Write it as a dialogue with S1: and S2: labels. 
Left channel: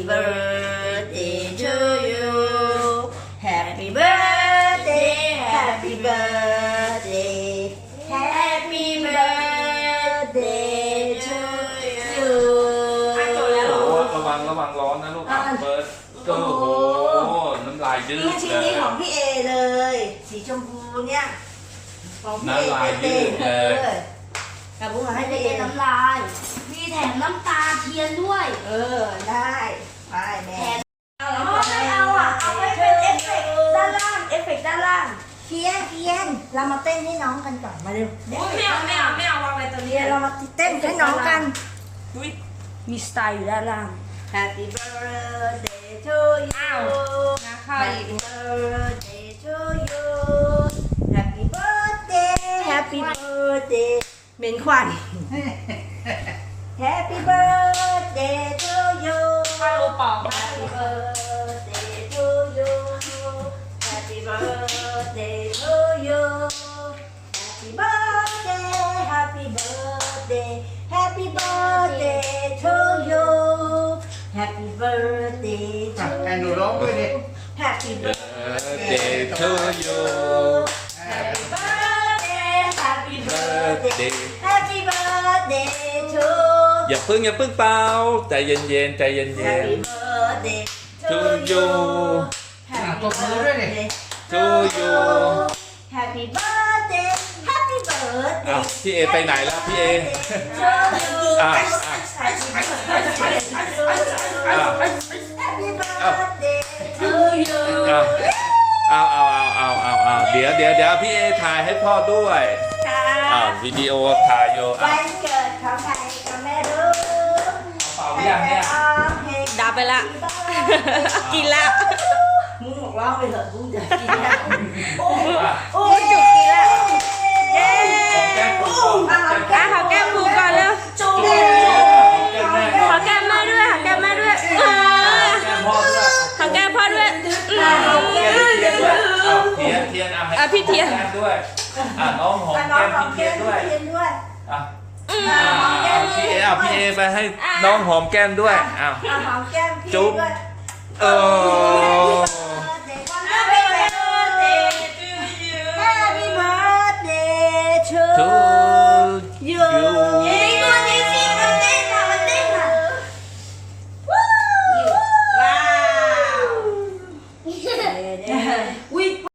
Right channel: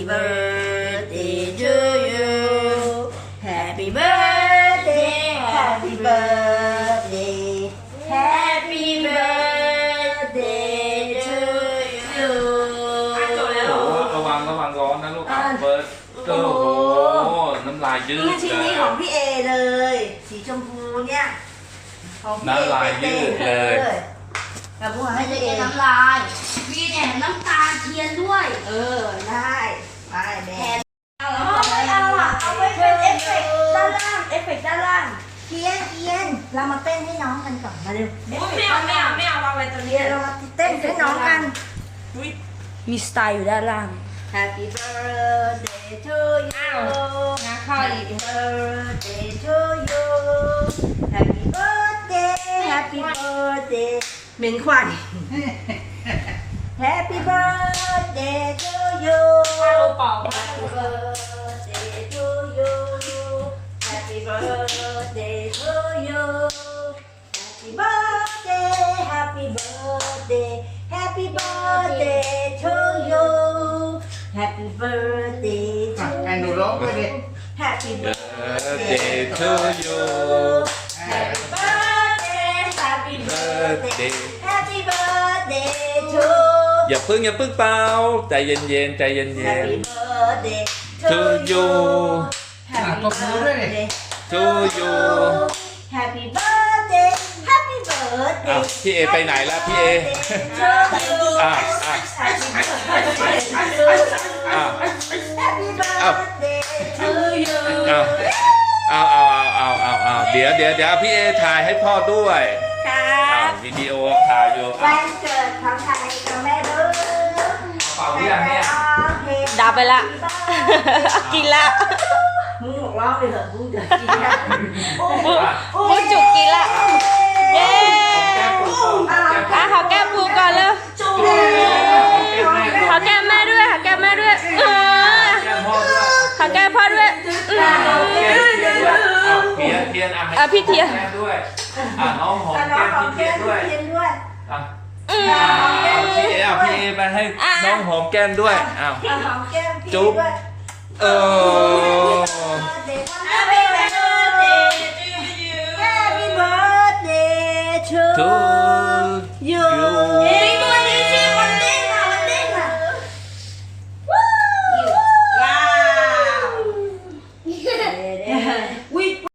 S1: birthday to you Happy birthday Happy birthday Happy birthday to you
S2: ระวังร้อนนะลูกเบิร์ดโอ้โหน้ำลายยืด
S1: ชิ้น
S2: เล
S1: นี้
S2: ย
S1: ของพี่เอเลยสีชมพูเนี่ยของพี่เอ
S2: น้ำลายยืดเลย
S1: กับบุ้ง
S3: ไม่
S1: ให้
S3: ได้
S1: พี่เอ
S3: น้ำลายมีแถมน้ำตาเทียนด้วย
S1: ได้ไปแม่
S3: ไม่เอาอ่ะเอาไว้เป็นเอฟเฟกต์ด้านล่าง
S1: เอฟเฟกต์ด้านล่างเทียนเรามาเต้นให้น้องกันก่อนมาเร็ว
S3: ไม่เอาวางไว้ตรง
S1: เที
S3: นี้
S1: ยนเรามาเต้นให้น้องกัน
S3: มีสไตล์อยู่ด้านล่าง
S1: Happy birthday to you
S3: งาข้าวอีก
S1: Happy birthday to you Happy birthday Happy birthday เหม็นควัน Happy birthday to you
S3: ข้าวเป่า
S1: Happy birthday to you Happy birthday to you Happy birthday Happy birthday Happy birthday to you Happy birthday to
S4: ไอ้หนูร้องไปดิ
S1: Happy
S2: birthday to you
S1: Happy birthday Happy birthday
S2: birthday
S1: Happy birthday to
S2: อย่าพึ่งเปล่าใจเย็นใจเย็น
S1: Happy birthday
S2: to you
S1: Happy
S4: ตบมือด้วยดิ
S1: birthday
S2: to you
S1: Happy birthday Happy birthday
S2: อ้าวพี่เอไปไหนแล้วพี่เอ อ่ะ
S1: Happy birthday Happy birthday to you
S2: เอาเดี๋ยวพี่เอถ่ายให้พ่อด้วย
S1: ค่ะ
S2: วิดีโอถ่ายอยู่
S1: วันเกิดของใครก็ไม่รู้
S2: เป่าหรือยังเนี่ย
S3: ดับไปละ กินละ
S1: มึงบอกเล่าไปเถอะมึงจะกินกัน
S3: มึงจุกกินละ เย้
S2: ขอแก้มปูก่อน
S3: อ่ะขอแก้มปูก่อนเร็ว ขอแก้มแม่ด้วย ขอแก้มแม่ด้วยขอแก้มพ่อด้วย
S2: เทียน
S3: อ่ะพี่เทียน
S2: ด้วยน้องหอม
S1: น้องหอม
S2: แก้
S1: แก้
S2: ม
S1: ม
S2: พี่เทียนด้วย
S1: เทียนด้วย
S2: พี่เอไปให้น้องหอมแก้มด้วยอ้าว
S1: หอมแก้มพี่
S2: จุ๊บ
S1: ด้วย
S2: เออ
S1: Happy birthday to
S2: ทู
S1: you
S2: ยู
S1: ตัวนี้สิมันเต้นอ่ะมันเต้นอ่ะว้าวอุ้ย